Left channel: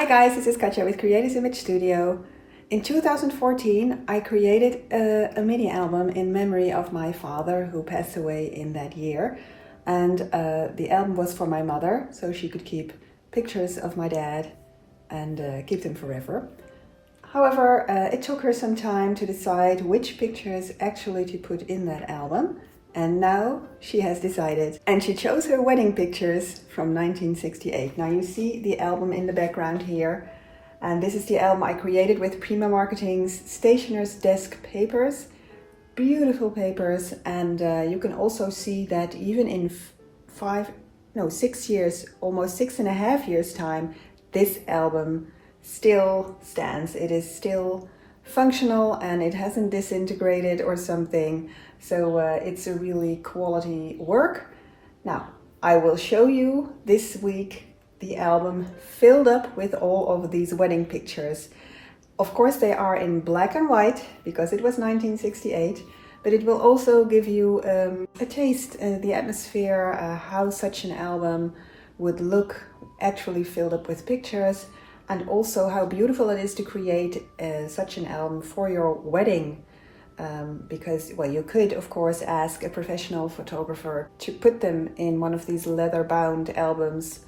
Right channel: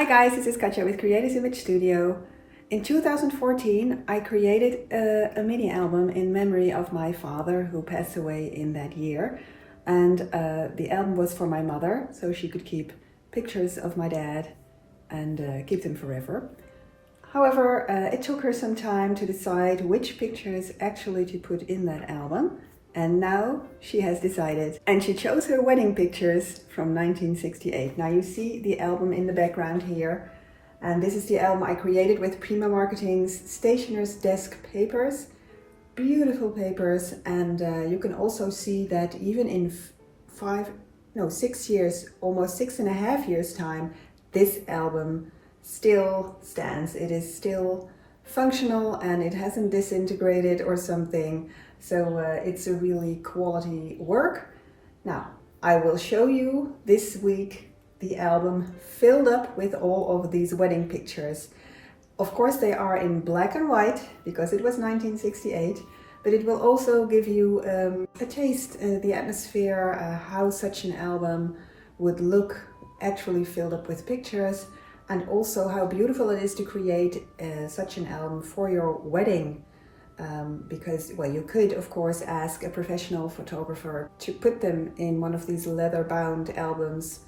Hi guys, this is Katja with Creative Image Studio. In 2014 I created a mini album in memory of my father who passed away in that year, and the album was for my mother so she could keep pictures of my dad and keep them forever. However, it took her some time to decide which pictures actually to put in that album, and now she has decided, and she chose her wedding pictures from 1968. Now you see the album in the background here, and this is the album I created with Prima Marketing's Stationer's Desk papers. Beautiful papers, and you can also see that even in 6 years, almost 6.5 years time, this album still stands. It is still functional and it hasn't disintegrated or something. So it's a really quality work. Now, I will show you this week the album filled up with all of these wedding pictures. Of course, they are in black and white because it was 1968, but it will also give you a taste, the atmosphere, how such an album would look actually filled up with pictures, and also how beautiful it is to create such an album for your wedding. Because, well, you could, of course, ask a professional photographer to put them in one of these leather-bound albums,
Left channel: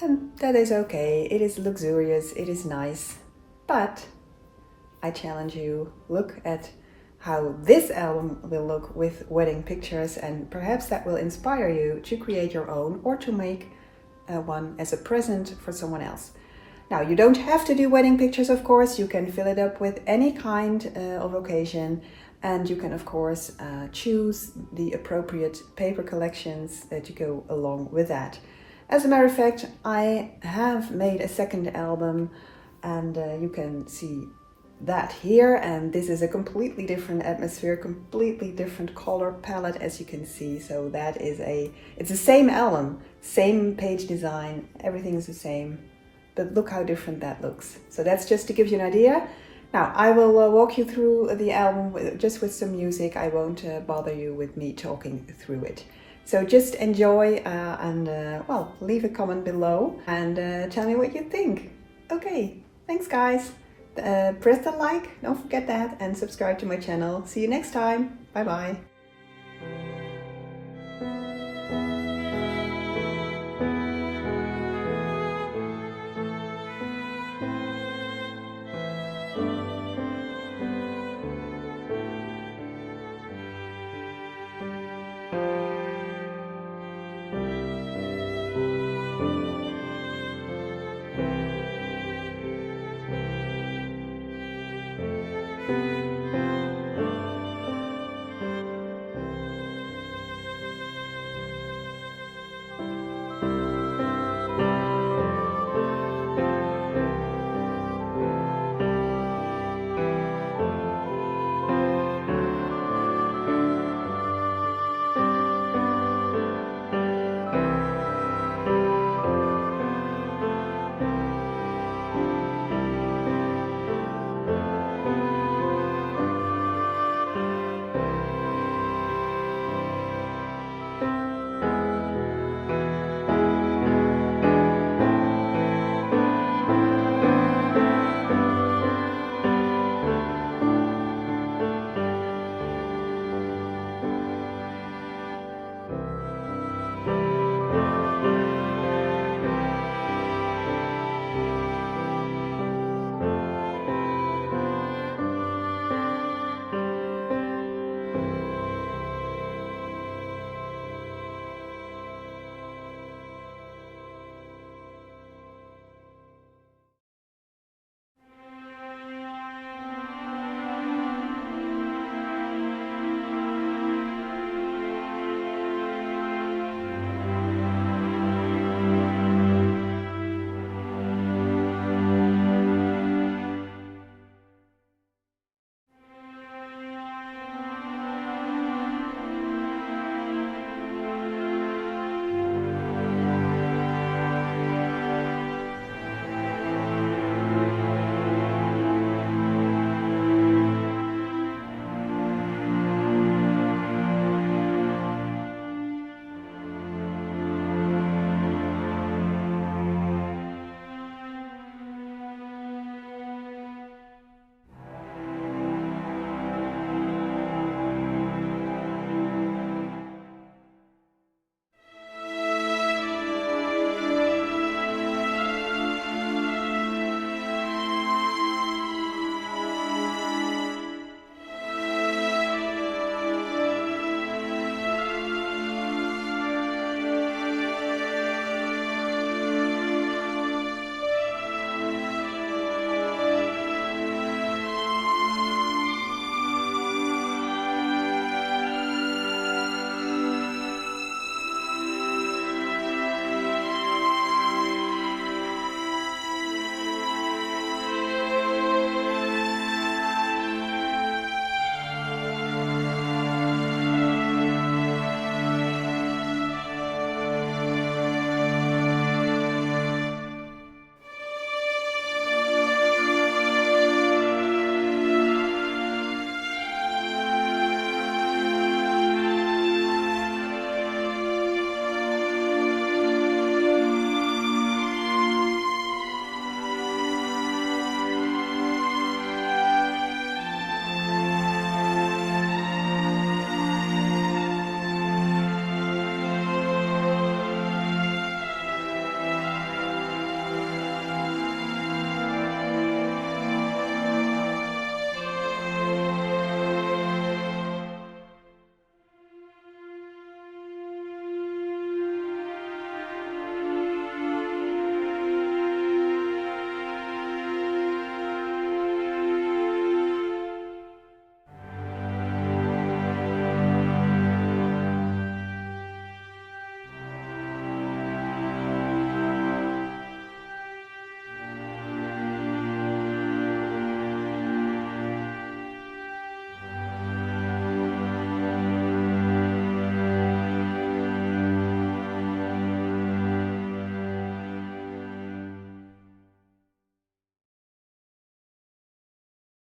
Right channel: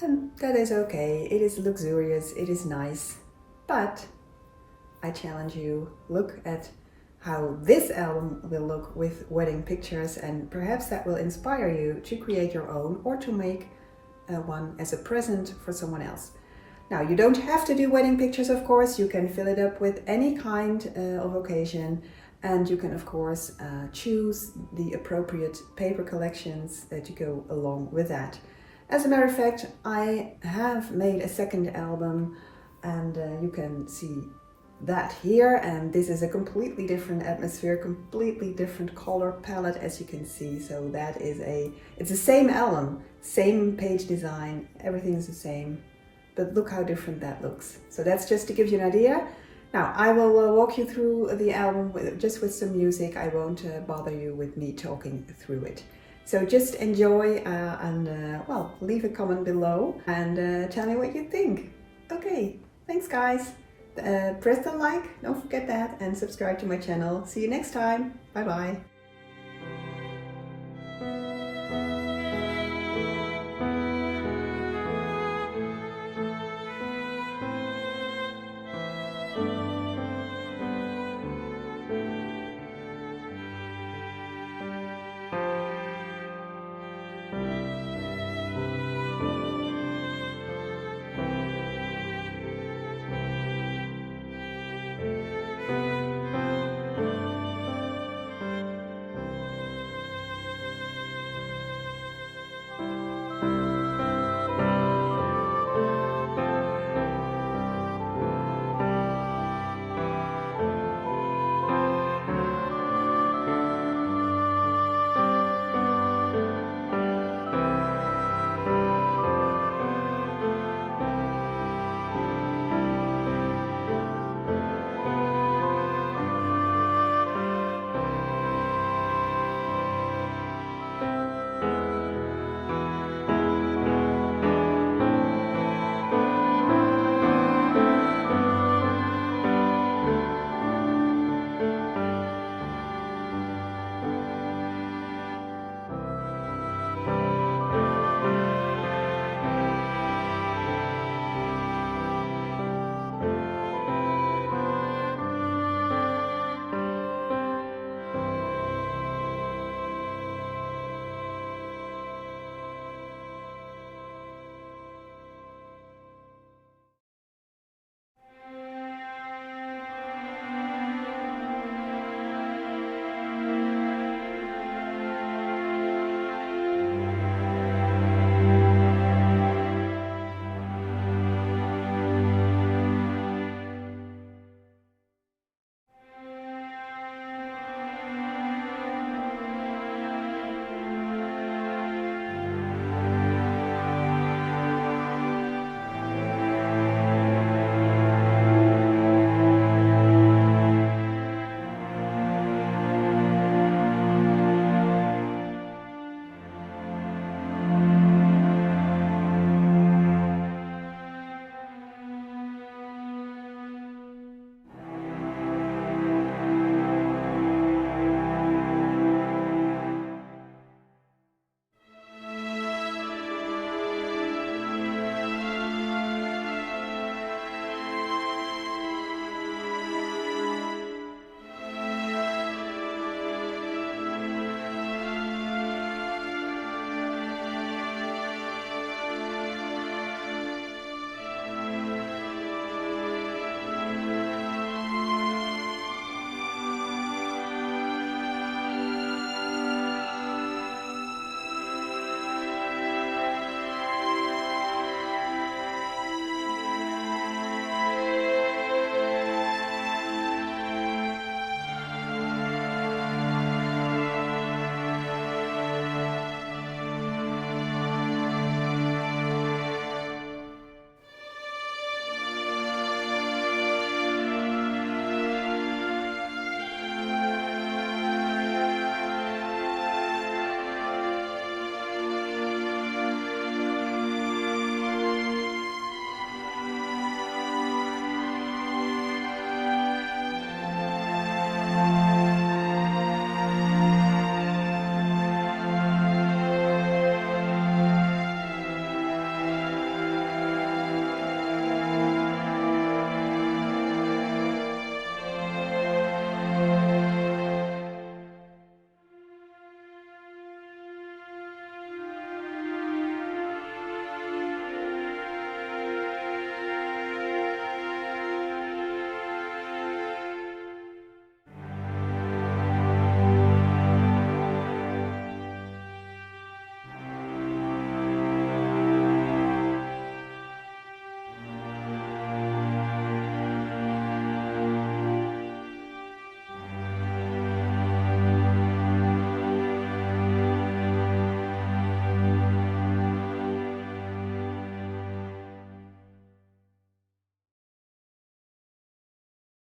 and that is okay. It is luxurious, it is nice, but I challenge you, look at how this album will look with wedding pictures, and perhaps that will inspire you to create your own or to make one as a present for someone else. Now, you don't have to do wedding pictures, of course. You can fill it up with any kind of occasion, and you can, of course, choose the appropriate paper collections to go along with that. As a matter of fact, I have made a second album, and you can see that here, and this is a completely different atmosphere, completely different color palette, as you can see. So that is it's the same album, same page design, everything is the same, but look how different that looks. So that's just to give you an idea. Now I will walk you through the album just with some music. I won't bother you with me talking through it. So just enjoy and well, leave a comment below and tell me what you think. Okay, thanks guys. Press the like, don't forget that, and subscribe to my channel. See you next time. Bye bye.